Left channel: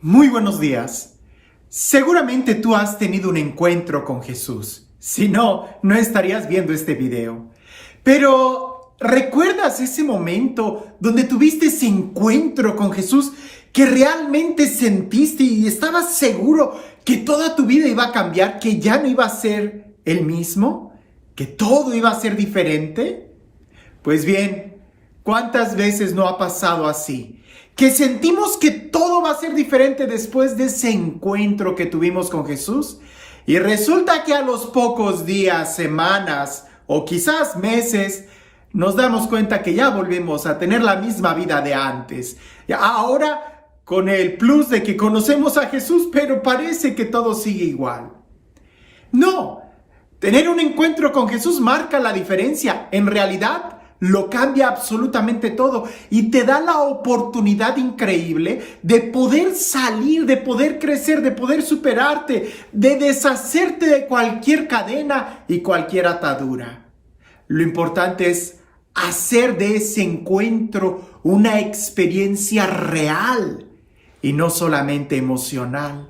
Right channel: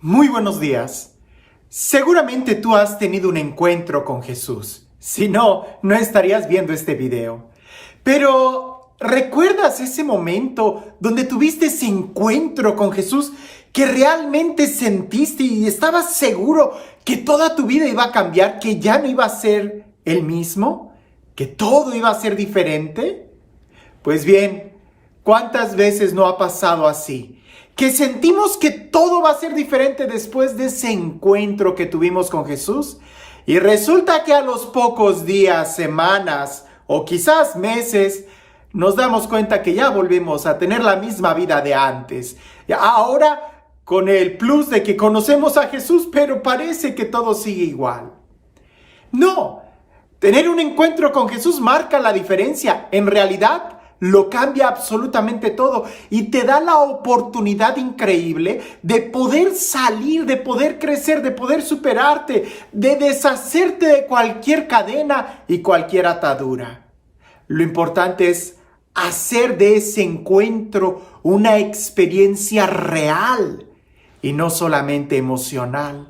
Muy buenos días. Seguramente tú has tenido un encuentro con Jesús. Si no, no estarías viendo este video. Pero, ¿recuerdas ese momento donde tuviste ese encuentro con Jesús que realmente sentiste y estabas seguro que toda tu vida iba a cambiar, que ya no iba a ser el mismo, que todo iba a ser diferente? Pues bien, ¿cuántas veces no ha pasado así? Que sentimos que todo va a ser diferente después de ese encuentro que tuvimos con Jesús. Y resulta que a los pocos días, semanas o quizás meses, nos damos cuenta que ya volvemos a tener la misma vida de antes. Ahora con el plus de que conocemos a Jesús, pero parece que todo sigue igual. No, tener un encuentro con Jesús marca la diferencia. En realidad, lo cambia absolutamente todo y te da la oportunidad increíble de poder salir, de poder crecer, de poder superarte, de deshacerte de cualquier cadena y cualquier atadura. Lo importante es hacer de ese encuentro una experiencia real y no solamente emocional.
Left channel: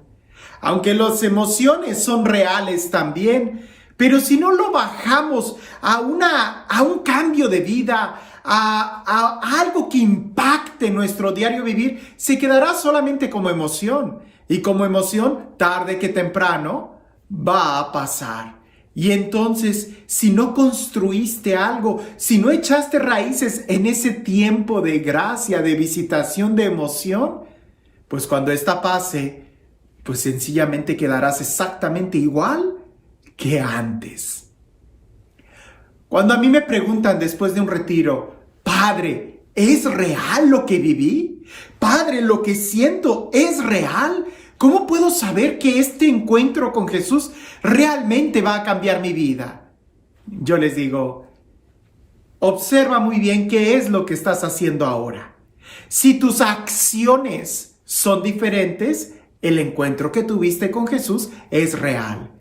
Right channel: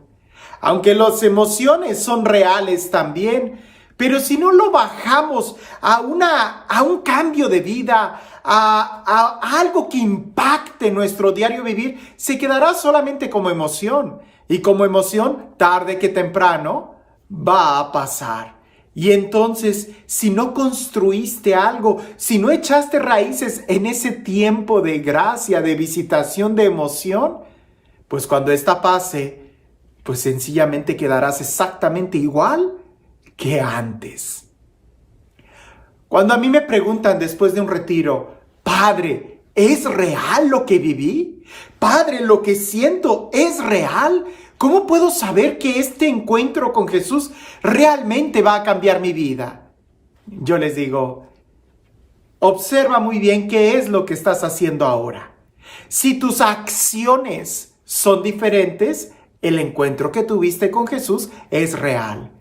Aunque las emociones son reales también, pero si no lo bajamos a un cambio de vida, a algo que impacte nuestro diario vivir, se quedará solamente como emoción. Y como emoción, tarde que temprano, va a pasar. Y entonces, si no construiste algo, si no echaste raíces en ese tiempo de gracia, de visitación, de emoción, pues cuando esta pase, pues sencillamente quedarás exactamente igual que antes. Cuando a mí me preguntan después de un retiro, Padre, ¿es real lo que viví? Padre, ¿lo que siento es real? ¿Cómo puedo saber que este encuentro con Jesús realmente va a cambiar mi vida? Yo les digo, observa muy bien qué es lo que estás haciendo ahora. Si tus acciones son diferentes, el encuentro que tuviste con Jesús es real.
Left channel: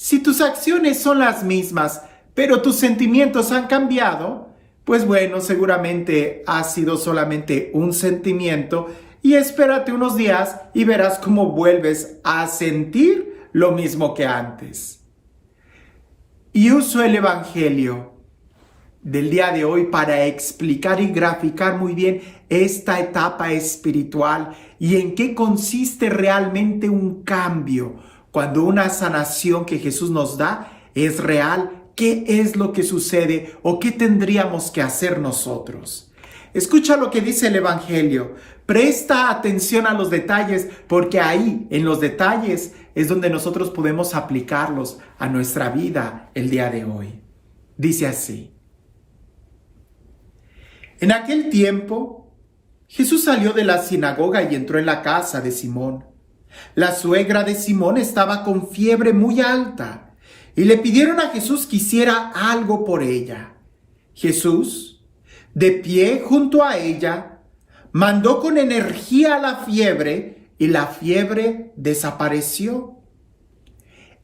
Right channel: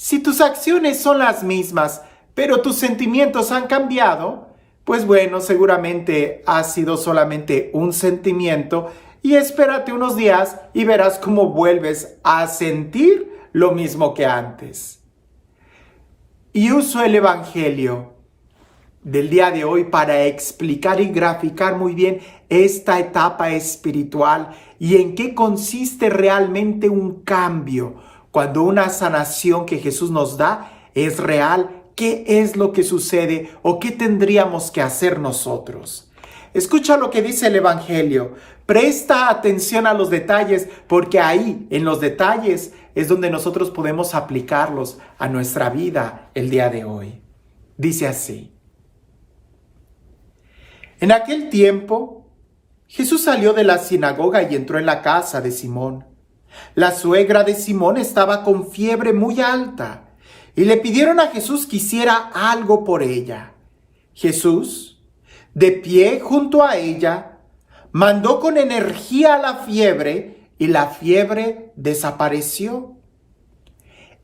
Si tus acciones son las mismas, pero tus sentimientos han cambiado, pues bueno, seguramente ha sido solamente un sentimiento y espérate unos días y verás cómo vuelves a sentir lo mismo que antes. Y uso el Evangelio del día de hoy para explicar y graficar muy bien esta etapa espiritual y en qué consiste realmente un cambio. Cuando una sanación que Jesús nos da es real, ¿qué es lo que sucede o qué tendríamos que hacer nosotros? Escucha lo que dice el Evangelio. Presta atención a los detalles, porque ahí, en los detalles, es donde nosotros podemos aplicarlos a nuestra vida el día de hoy. Dice así. En aquel tiempo, Jesús salió de la sinagoga y entró en la casa de Simón. La suegra de Simón estaba con fiebre muy alta y le pidieron a Jesús que hiciera algo por ella. Jesús, de pie junto a ella, mandó con energía a la fiebre y la fiebre desapareció.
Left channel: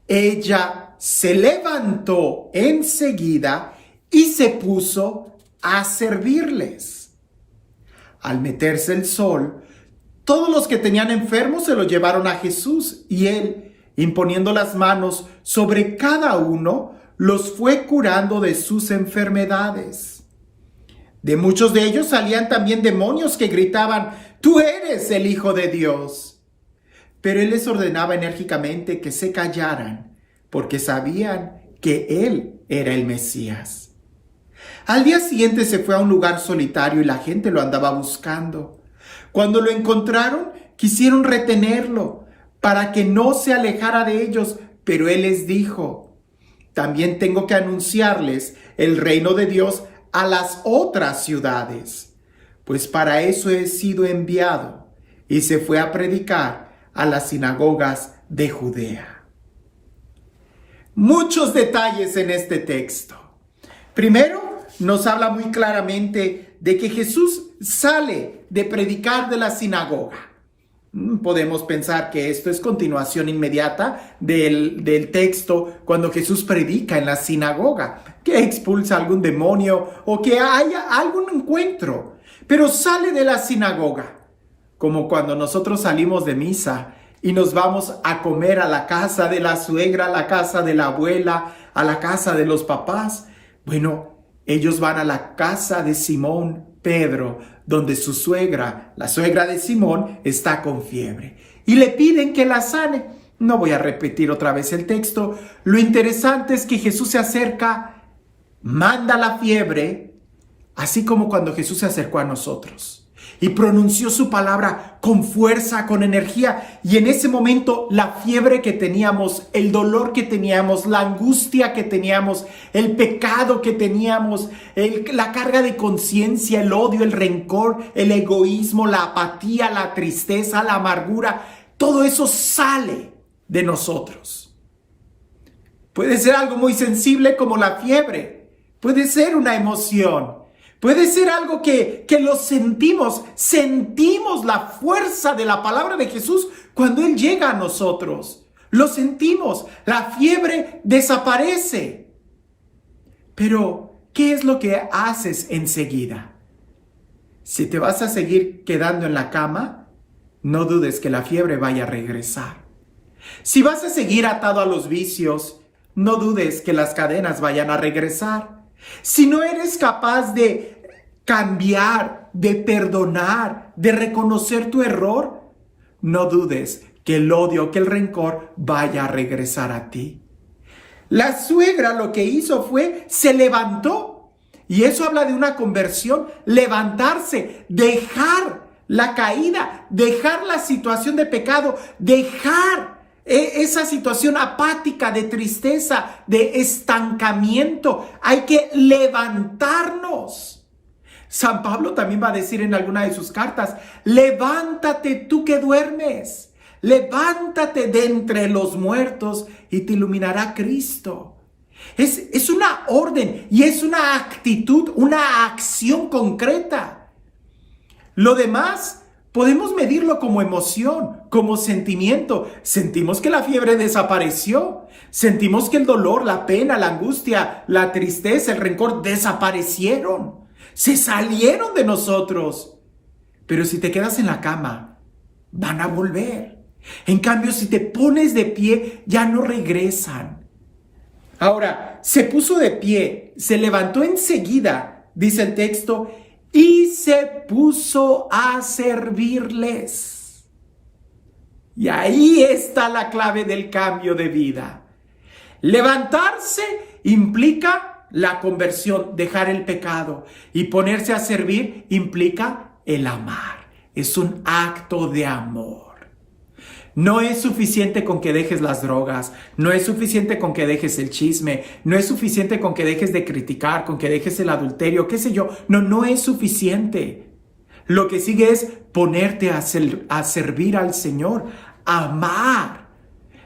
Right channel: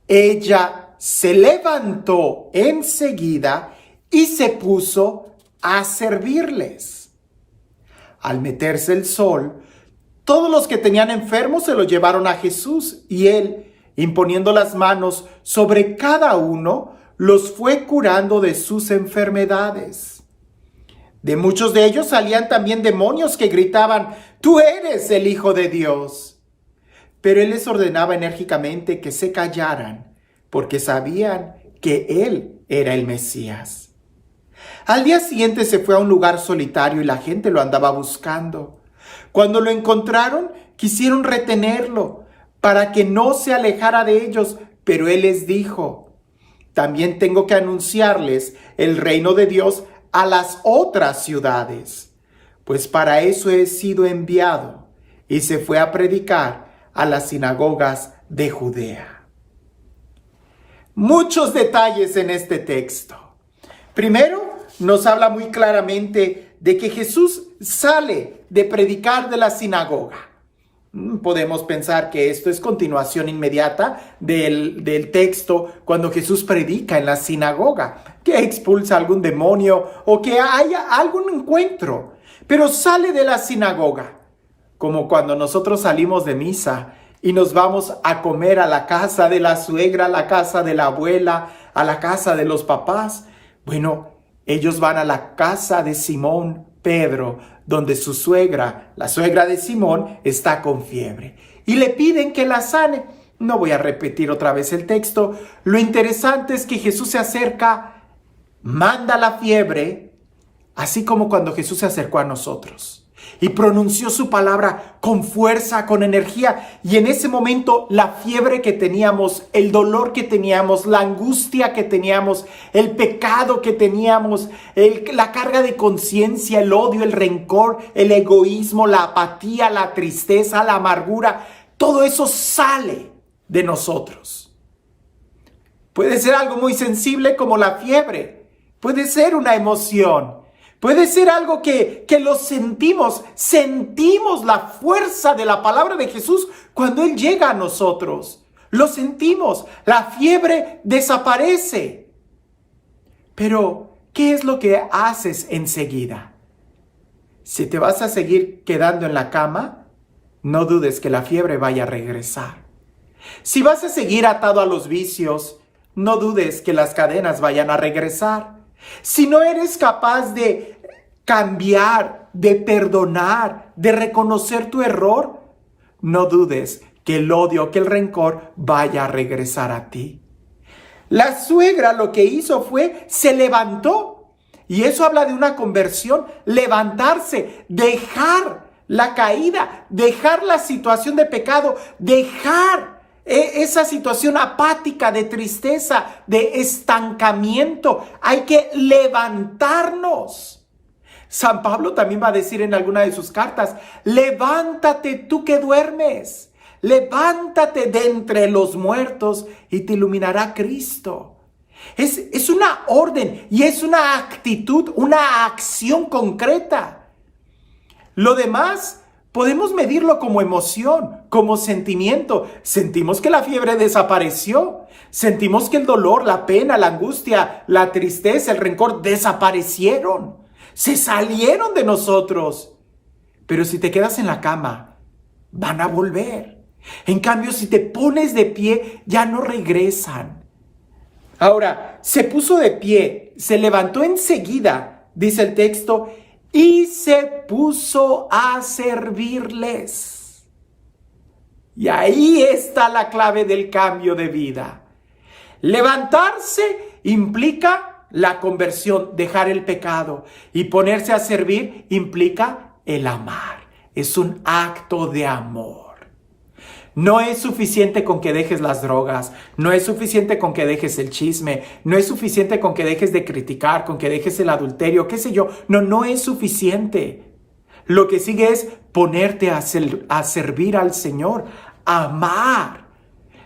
Ella se levantó enseguida y se puso a servirles. Al meterse el sol, todos los que tenían enfermos se los llevaron a Jesús y él, imponiendo las manos sobre cada uno, los fue curando de sus enfermedades. De muchos de ellos salían también demonios que gritaban, «Tú eres el Hijo de Dios». Pero él les ordenaba enérgicamente que se callaran, porque sabían que él era el Mesías. Al día siguiente se fue a un lugar solitario y la gente lo andaba buscando. Cuando lo encontraron, quisieron retenerlo para que no se alejara de ellos, pero él les dijo, también tengo que anunciarles el reino de Dios a las otras ciudades, pues para eso he sido enviado, y se fue a predicar a las sinagogas de Judea. Muchos detalles en este texto. Primero, nos habla muy claramente de que Jesús sale de predicar de la sinagoga. Podemos pensar que esto es continuación inmediata del texto cuando Jesús predica en la sinagoga, que expulsa algún demonio o que haya algún encuentro, pero sale de la sinagoga. como cuando nosotros salimos de misa y nos vamos a comer a la casa de la suegra, a la casa de la abuela, a la casa de los papás. Bueno, ellos van a la casa de Simón Pedro, donde su suegra, la suegra de Simón, está con fiebre. Y le piden que la sane. No voy a repetir otra vez el texto. Lo interesante es que Jesús se acerca, manda la fiebre, así como cuando Jesús se acercó a nosotros y pronunció su palabra con fuerza, con energía. Y en ese momento la fiebre que teníamos, el dolor que teníamos, la angustia que teníamos, el pecado que teníamos, la carga de conciencia, el odio, el rencor, el egoísmo, la apatía, la tristeza, la amargura, todo eso sale de nosotros. Puede ser algo muy sensible como la fiebre, puede ser una emoción. Puede ser algo que lo sentimos la fuerza de la palabra de Jesús cuando Él llega a nosotros. Lo sentimos, la fiebre desaparece. Pero, ¿qué es lo que haces enseguida? Si te vas a seguir quedando en la cama, no dudes que la fiebre vaya a regresar. Si vas a seguir atado a los vicios, no dudes que las cadenas vayan a regresar. Si no eres capaz de cambiar, de perdonar, de reconocer tu error, no dudes que el odio, que el rencor vaya a regresar a ti. La suegra lo que hizo fue, se levantó. Y eso habla de una conversión, levantarse, dejar la caída, dejar la situación de pecado, dejar esa situación apática, de tristeza, de estancamiento. Hay que levantarnos. San Pablo también va a decir en alguna de sus cartas, levántate tú que duermes, levántate de entre los muertos y te iluminará Cristo. Es una orden y es una actitud, una acción concreta. Lo demás podemos medirlo como emoción, como sentimiento. Sentimos que la fiebre desapareció. Sentimos que el dolor, la pena, la angustia, la tristeza, el rencor desaparecieron. Se salieron de nosotros. Pero si te quedas en la cama, van a volver. En cambio, si te pones de pie, ya no regresan. Ahora, se puso de pie, se levantó enseguida, dice el texto, y se puso a servirles. Y ahí está la clave del cambio de vida. Levantarse implica la conversión, dejar el pecado, y ponerse a servir implica el amar. Es un acto de amor. No es suficiente con que dejes las drogas, no es suficiente con que dejes el chisme, no es suficiente con que dejes de criticar, con que dejes el adulterio, qué sé yo. No es suficiente. Lo que sigue es ponerte a servir al Señor, amar,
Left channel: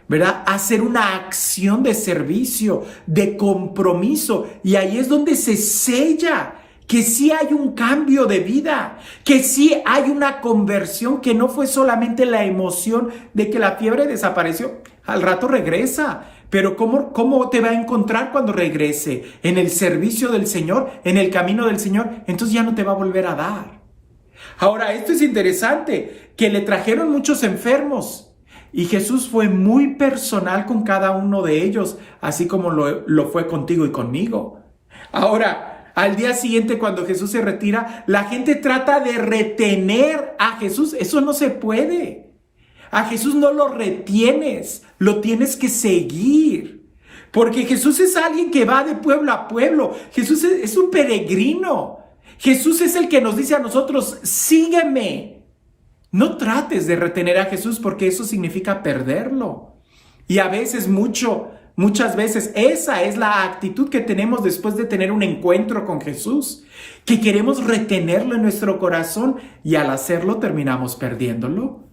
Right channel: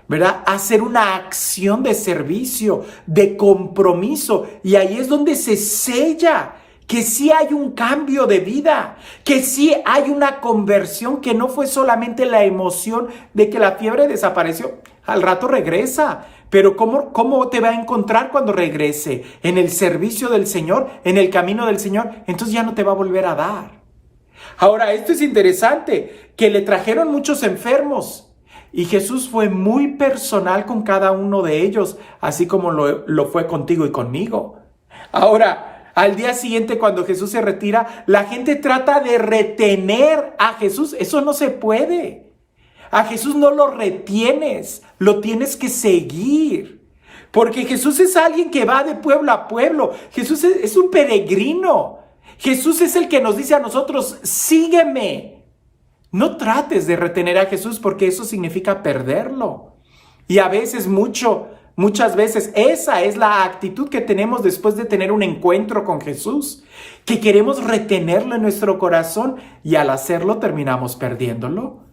¿verdad? Hacer una acción de servicio, de compromiso, y ahí es donde se sella que sí hay un cambio de vida, que sí hay una conversión, que no fue solamente la emoción de que la fiebre desapareció. Al rato regresa, pero ¿cómo te va a encontrar cuando regrese? En el servicio del Señor, en el camino del Señor, entonces ya no te va a volver a dar. Ahora, esto es interesante, que le trajeron muchos enfermos, y Jesús fue muy personal con cada uno de ellos, así como lo fue contigo y conmigo. Ahora, al día siguiente, cuando Jesús se retira, la gente trata de retener a Jesús. Eso no se puede. A Jesús no lo retienes, lo tienes que seguir. Porque Jesús es alguien que va de pueblo a pueblo. Jesús es un peregrino. Jesús es el que nos dice a nosotros, sígueme. No trates de retener a Jesús porque eso significa perderlo. Y a veces muchas veces esa es la actitud que tenemos después de tener un encuentro con Jesús, que queremos retenerlo en nuestro corazón y al hacerlo terminamos perdiéndolo.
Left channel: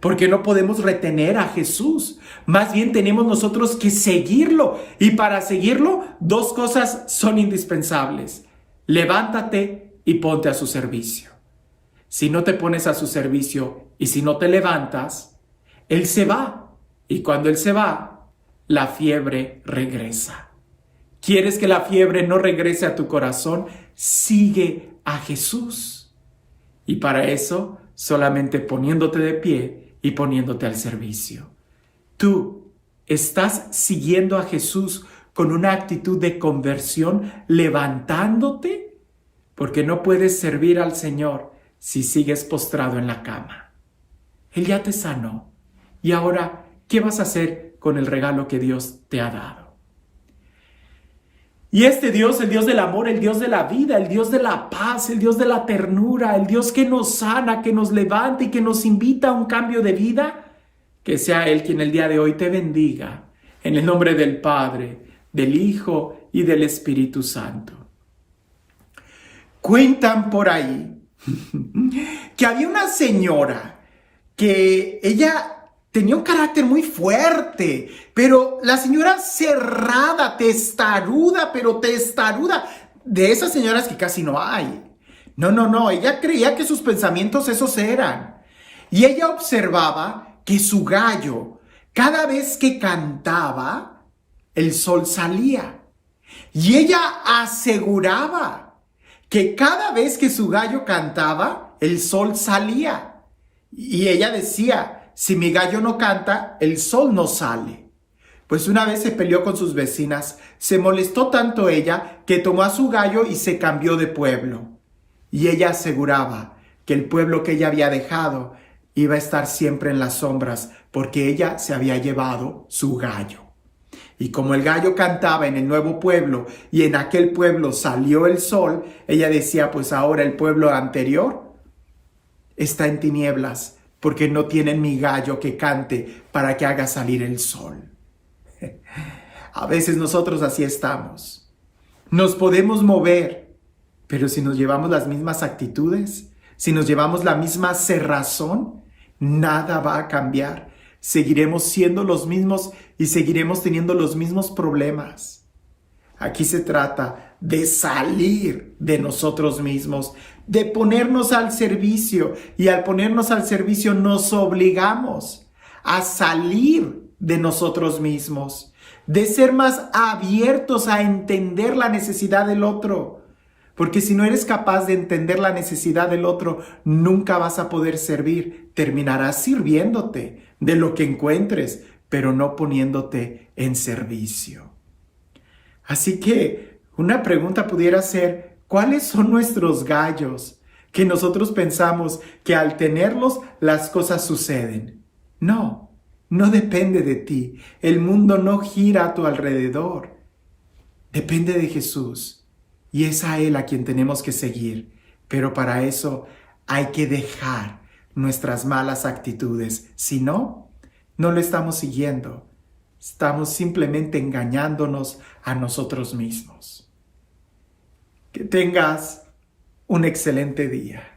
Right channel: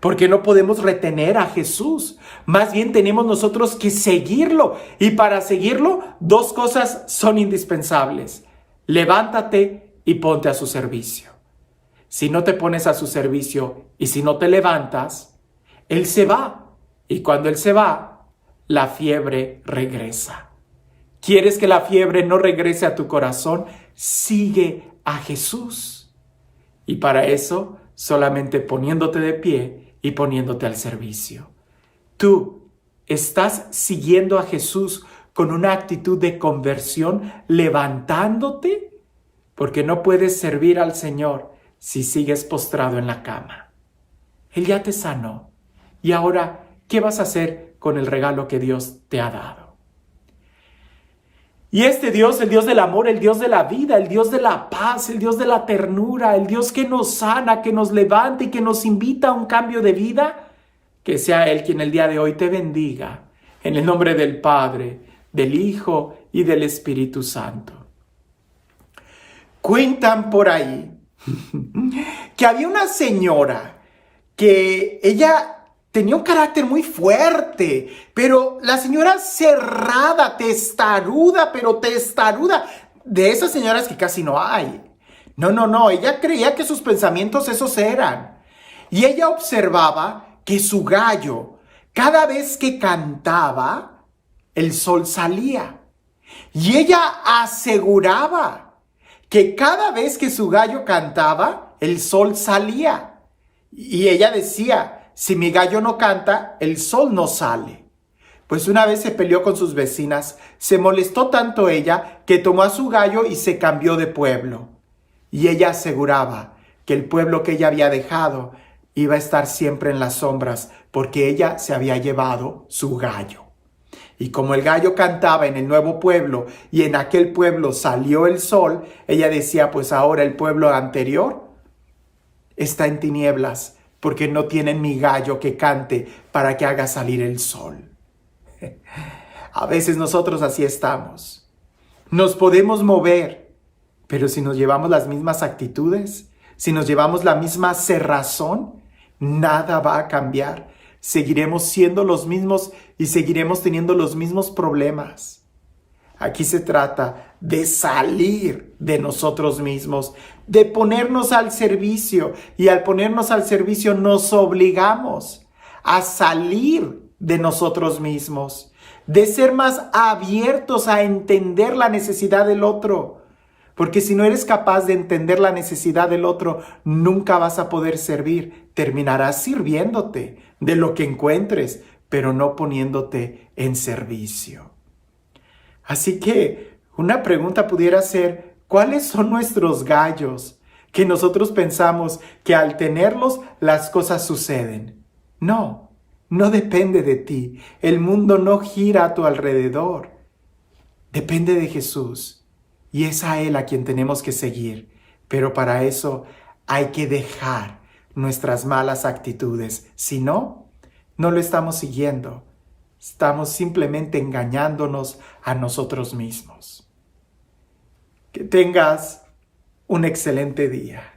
Porque no podemos retener a Jesús, más bien tenemos nosotros que seguirlo, y para seguirlo 2 cosas son indispensables: levántate y ponte a su servicio. Si no te pones a su servicio y si no te levantas, Él se va, y cuando Él se va, la fiebre regresa. ¿Quieres que la fiebre no regrese a tu corazón? Sigue a Jesús. Y para eso solamente poniéndote de pie y poniéndote al servicio. Tú estás siguiendo a Jesús con una actitud de conversión, levantándote, porque no puedes servir al Señor si sigues postrado en la cama. Él ya te sanó. Y ahora, ¿qué vas a hacer con el regalo que Dios te ha dado? Y este Dios, el Dios del amor, el Dios de la vida, el Dios de la paz, el Dios de la ternura, el Dios que nos sana, que nos levanta y que nos invita a un cambio de vida, que sea Él quien el día de hoy te bendiga, en el nombre del Padre, del Hijo y del Espíritu Santo. Cuentan por ahí que había una señora que ella tenía un carácter muy fuerte, pero la señora cerrada, testaruda, de esas señoras que casi no hay. No, ella creía que sus pensamientos esos eran. Y ella observaba que su gallo, cada vez que cantaba, el sol salía. Y ella aseguraba que cada vez que su gallo cantaba, el sol salía. Y ella decía, si mi gallo no canta, el sol no sale. Pues una vez se peleó con sus vecinas, se molestó tanto ella que tomó a su gallo y se cambió de pueblo. Y ella aseguraba que el pueblo que ella había dejado iba a estar siempre en las sombras porque ella se había llevado su gallo. Y como el gallo cantaba en el nuevo pueblo y en aquel pueblo salió el sol, ella decía, pues ahora el pueblo anterior está en tinieblas porque no tienen mi gallo que cante para que haga salir el sol. A veces nosotros así estamos. Nos podemos mover, pero si nos llevamos las mismas actitudes, si nos llevamos la misma cerrazón, nada va a cambiar. Seguiremos siendo los mismos y seguiremos teniendo los mismos problemas. Aquí se trata de salir de nosotros mismos, de ponernos al servicio. Y al ponernos al servicio nos obligamos a salir de nosotros mismos, de ser más abiertos a entender la necesidad del otro. Porque si no eres capaz de entender la necesidad del otro, nunca vas a poder servir. Terminarás sirviéndote de lo que encuentres, pero no poniéndote en servicio. Así que una pregunta pudiera ser, ¿cuáles son nuestros gallos que nosotros pensamos que al tenerlos las cosas suceden? No depende de ti. El mundo no gira a tu alrededor. Depende de Jesús. Y es a Él a quien tenemos que seguir. Pero para eso hay que dejar nuestras malas actitudes. Si no, no lo estamos siguiendo. Estamos simplemente engañándonos a nosotros mismos. Que tengas un excelente día.